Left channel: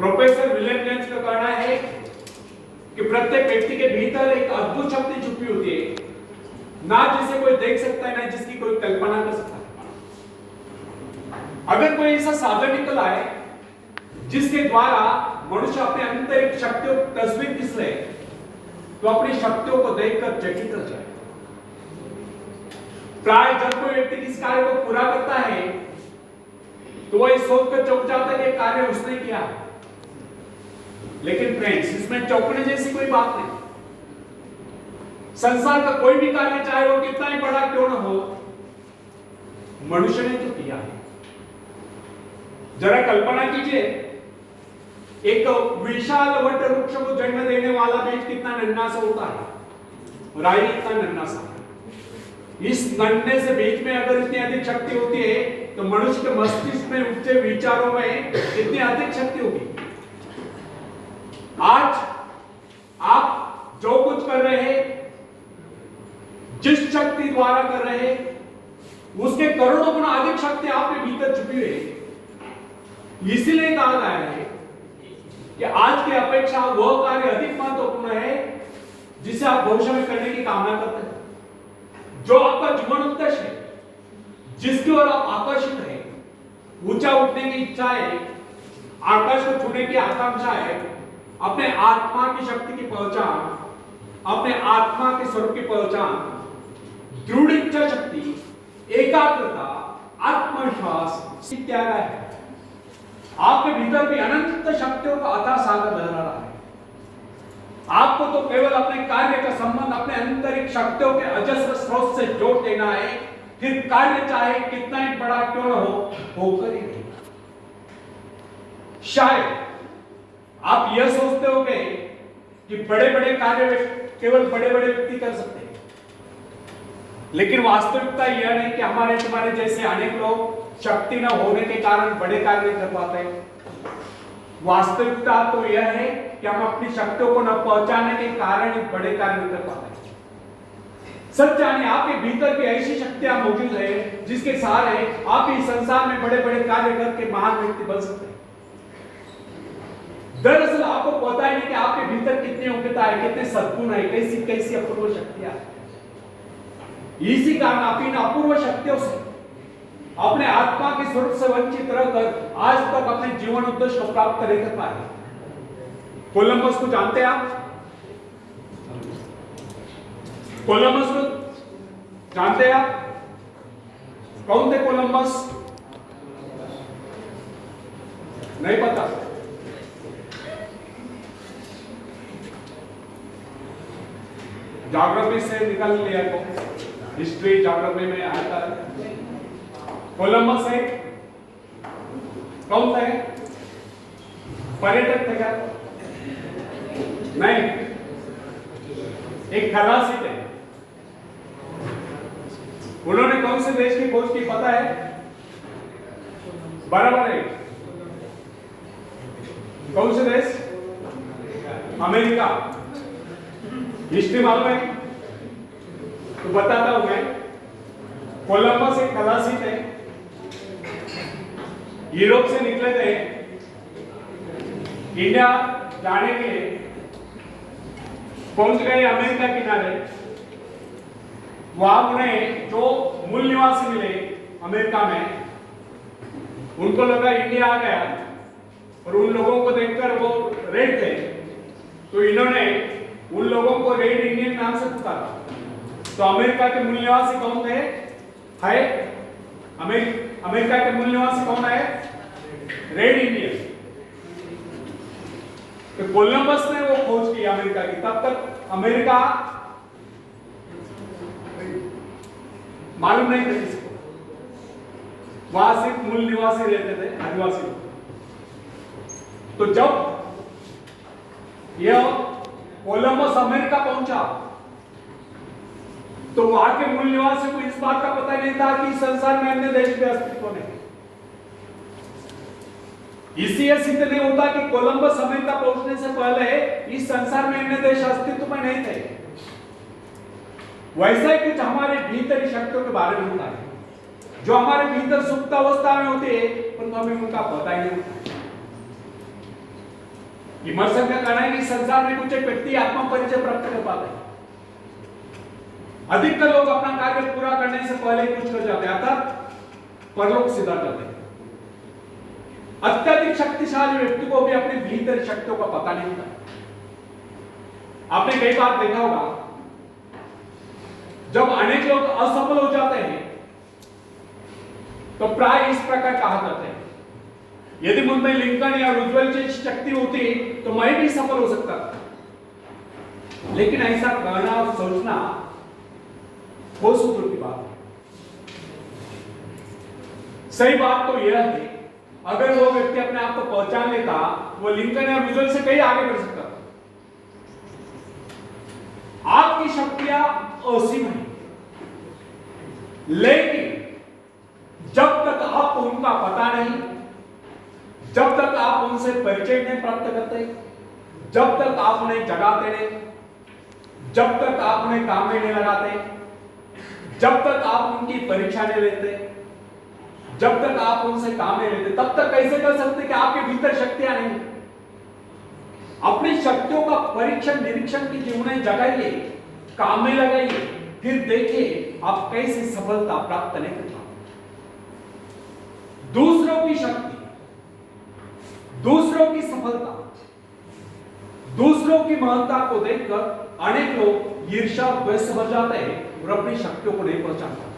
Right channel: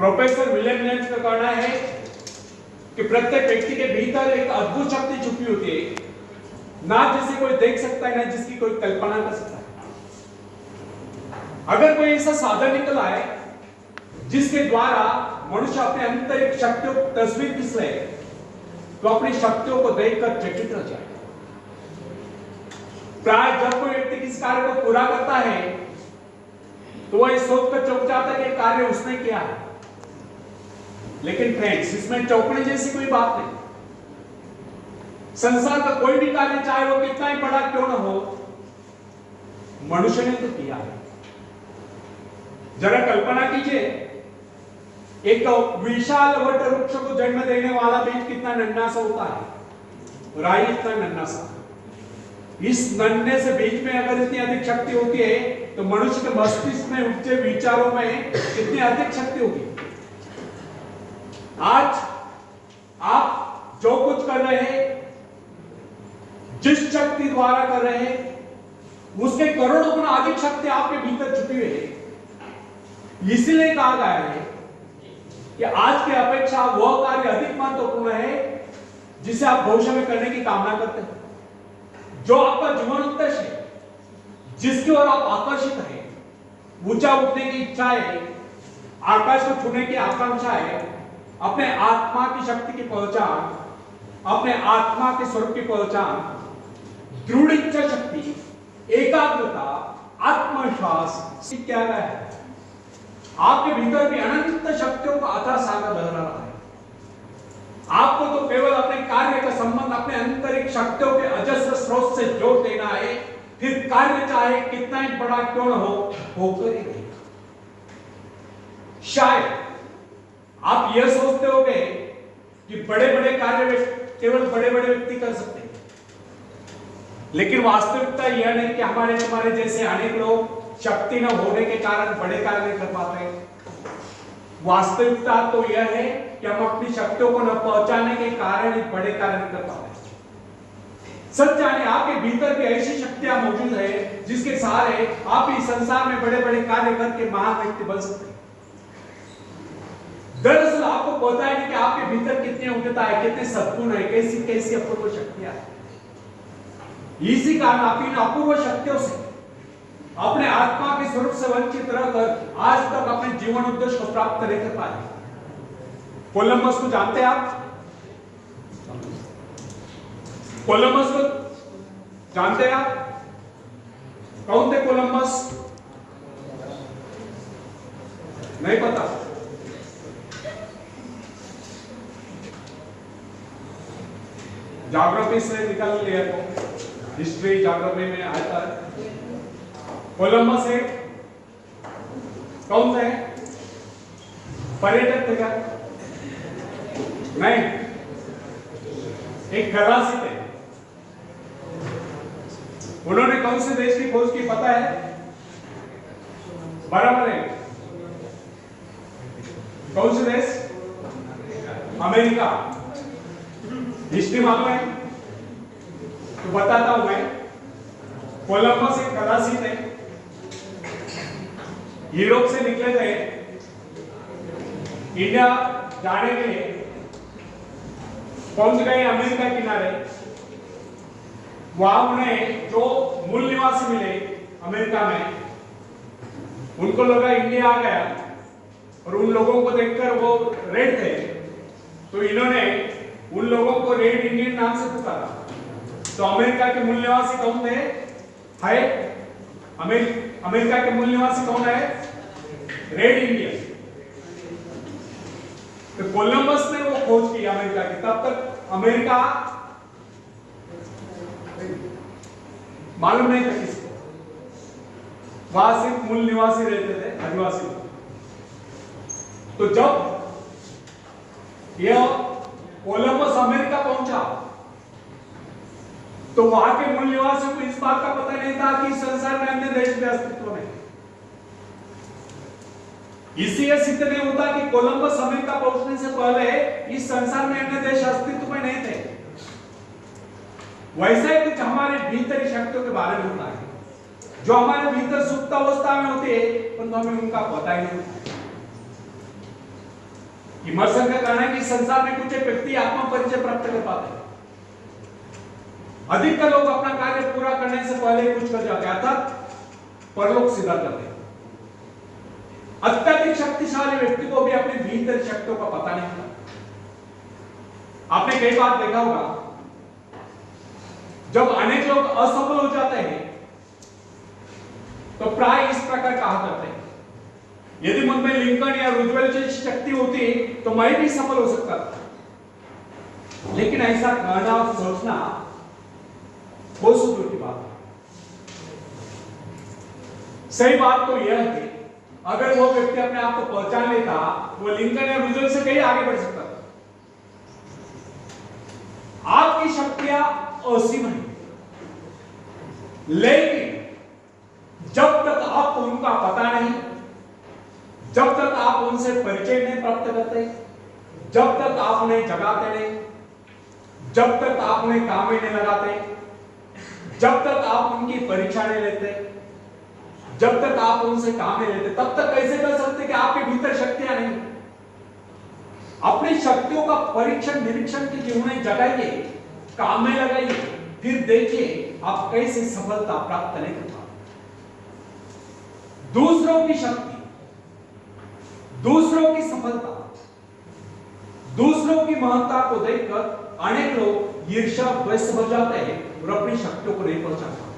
Professor William James का कहना है कि प्रत्येक व्यक्ति के भीतर एक अद्भुत शक्ति छुपी होती है, ना जिसे कोई देख सकता है, ना जिसकी कोई कल्पना कर सकता है। अगर कोई ऐसा साधन निकल आए जिसके द्वारा मनुष्य अपने आंतरिक शक्तियों की तस्वीर खींच ले, तो अपनी शक्तियों को देखकर चकित हो जाए। प्राय जब कोई व्यक्ति किस कार्य को पूरा करता है तो वह सोचकर चौंक जाता है कि कार्य उसने किया है। लेकिन फ्रेंड्स, इसमें चौंकने जैसी कोई बात नहीं। संसार का कोई भी कार्य, चाहे वो कितना ही बड़ा क्यों न हो, मनुष्य ने तो किया है। जरा कल्पना कीजिए, एक विशाल वट वृक्ष को जन्म देने वाला बीज कितना नन्हा सा होता है, राई इतना नन्हा सा। इस नन्हे से बीज में अगर इतनी अधिक शक्ति होती है तो मनुष्य के मस्तिष्क में उठते विचारों में कितनी अधिक शक्ति होगी। आज आप जो कुछ कर रहे हैं, जिस शक्ति द्वारा कर रहे हैं, उसके करोड़ों गुना अधिक शक्ति आपके भीतर छुपी हुई है। इसलिए कहा गया है कि आज की अपेक्षा वह कार्य अधिक महत्वपूर्ण है जिसे आप भविष्य में करने की कामना करते हैं, जो आपका जीवन उद्देश्य है, जिसकी ओर आप आकर्षित हैं। ऊंचा उठने की इच्छा है, आकाश को छूने की आकांक्षा है, अपने आत्मा की शक्ति की पहचान, अपने आत्मा के स्वरूप की पहचान, दृढ़ इच्छा शक्ति, एकाग्रता, आत्मविश्वास क्या है। आपके भीतर भी अनंत शक्तियों का अथाह सागर बह रहा है। आपको तो केवल अपने कार्य का संबंध अपने आंतरिक शक्तियों के अजस्र स्रोत से जोड़ देना है, फिर कार्य चाहे कितना ही बड़ा क्यों न हो, होकर ही रहेगा। शायद आप यह सोचते होंगे कि बड़े बड़े कार्य केवल बड़े बड़े व्यक्ति कर सकते हैं, लेकिन वास्तविकता यह नहीं कि हमारे तुम्हारे जैसे अनेक लोग शक्ति न होने के कारण बड़े कार्य नहीं कर पाते। वास्तविकता तो यह है कि हम अपनी शक्तियों को न पहचानने के कारण ही बड़े कार्य नहीं कर पाते। सच जाने आपके भीतर भी ऐसी शक्तियां मौजूद है जिसके सहारे आप इस संसार में बड़े बड़े कार्य करके महान व्यक्ति बन सकते हैं। दरअसल आपको पता है कि आपके भीतर कितनी योग्यता है, कितने सद्गुण है, कैसी कैसी अपूर्व शक्तियां। इसी कारण आप इन अपूर्व शक्तियों से अपने आत्मा के स्वरूप से वंचित रहकर आज तक अपने जीवन उद्देश्य को प्राप्त नहीं कर पाए। कोलंबस को जानते हैं आप? कोलंबस को जानते हैं आप? कौन थे कोलंबस? नहीं पता? ज्योग्राफी से निकाल लिया तो, हिस्ट्री ज्योग्राफी में आता है। कोलंबस है, कौन थे? पर्यटक थे क्या? नहीं, एक खलासी थे। उन्होंने कौन से देश की खोज की पता है? बराबर है। कौन से देश? अमेरिका। हिस्ट्री मालूम है तो बताता हूं मैं। कोलंबस एक खलासी थे, यूरोप से निकले थे इंडिया जाने के लिए। पहुंच गए अमेरिका किनारे। वहां उन्हें जो मूल निवासी मिले अमेरिका में, उनको लगा इंडिया आ गया, और उन लोगों को देखकर वो रेड थे, तो इन्होंने उन लोगों को रेड इंडियन नाम से पुकारा। तो अमेरिका के मूल निवासी कौन थे? है अमेरिका के मूल निवासी कौन है? Red Indian. तो कोलंबस ने वो खोज की अमेरिका की। तब तक अमेरिका मालूम नहीं था किसी को, वहां सिर्फ मूल निवासी रहते थे, आदिवासी। तो जब यह कोलंबस अमेरिका पहुंचा तो वहां के मूल निवासियों को इस बात का पता नहीं था कि संसार में अन्य देश के अस्तित्व में। इसलिए सिद्ध नहीं होता कि कोलंबस अमेरिका पहुंचने से पहले इस संसार में अन्य देश अस्तित्व में नहीं थे। वैसा ही कुछ हमारे भीतर शक्तियों के बारे में होता है, जो हमारे भीतर सुप्त अवस्था में होती है, परंतु हमें उनका पता ही नहीं होता। इमर्सन का कहना है कि संसार में कुछ एक व्यक्ति आत्मा परिचय प्राप्त कर पाते हैं। अधिकतर लोग अपना कार्य पूरा करने से पहले कुछ कर जाते हैं, अर्थात परलोक सीधा करते हैं। अत्यधिक शक्तिशाली व्यक्ति को भी अपने भीतर शक्तियों का पता नहीं होता। आपने कई बार देखा होगा, जब अनेक लोग असफल हो जाते हैं तो प्राय इस प्रकार कहा करते हैं, यदि मुझ में लिंकन या रूजवेल्ट जैसी शक्ति होती तो मैं भी सफल हो सकता था। लेकिन ऐसा कहना और सोचना बहुत दूर की बात है। सही बात तो यह है, अगर वो व्यक्ति अपने आप को पहचान लेता, वो लिंकन या रूजवेल्ट से कहीं आगे बढ़ सकता था। आपकी शक्तियां असीम है, लेकिन जब तक आपको उनका पता नहीं, जब तक आप उनसे परिचय नहीं प्राप्त करते, जब तक आप उन्हें जगाते नहीं, जब तक आप उन्हें काम में नहीं लगाते, जब तक आप उनकी परीक्षा नहीं लेते, जब तक आप उनसे काम नहीं लेते, तब तक कैसे कर सकते कि आपके भीतर शक्तियां नहीं। अपनी शक्तियों का परीक्षण निरीक्षण कीजिए, उन्हें जगाइए, काम में लगाइए, फिर देखिए आप कैसे सफलता प्राप्त नहीं कर पाते। दूसरों की शक्ति, दूसरों की सफलता, दूसरों की महत्ता को देखकर अनेक लोग ईर्ष्या द्वेष हो जाते हैं और अपनी शक्तियों को नहीं पहचान पाते।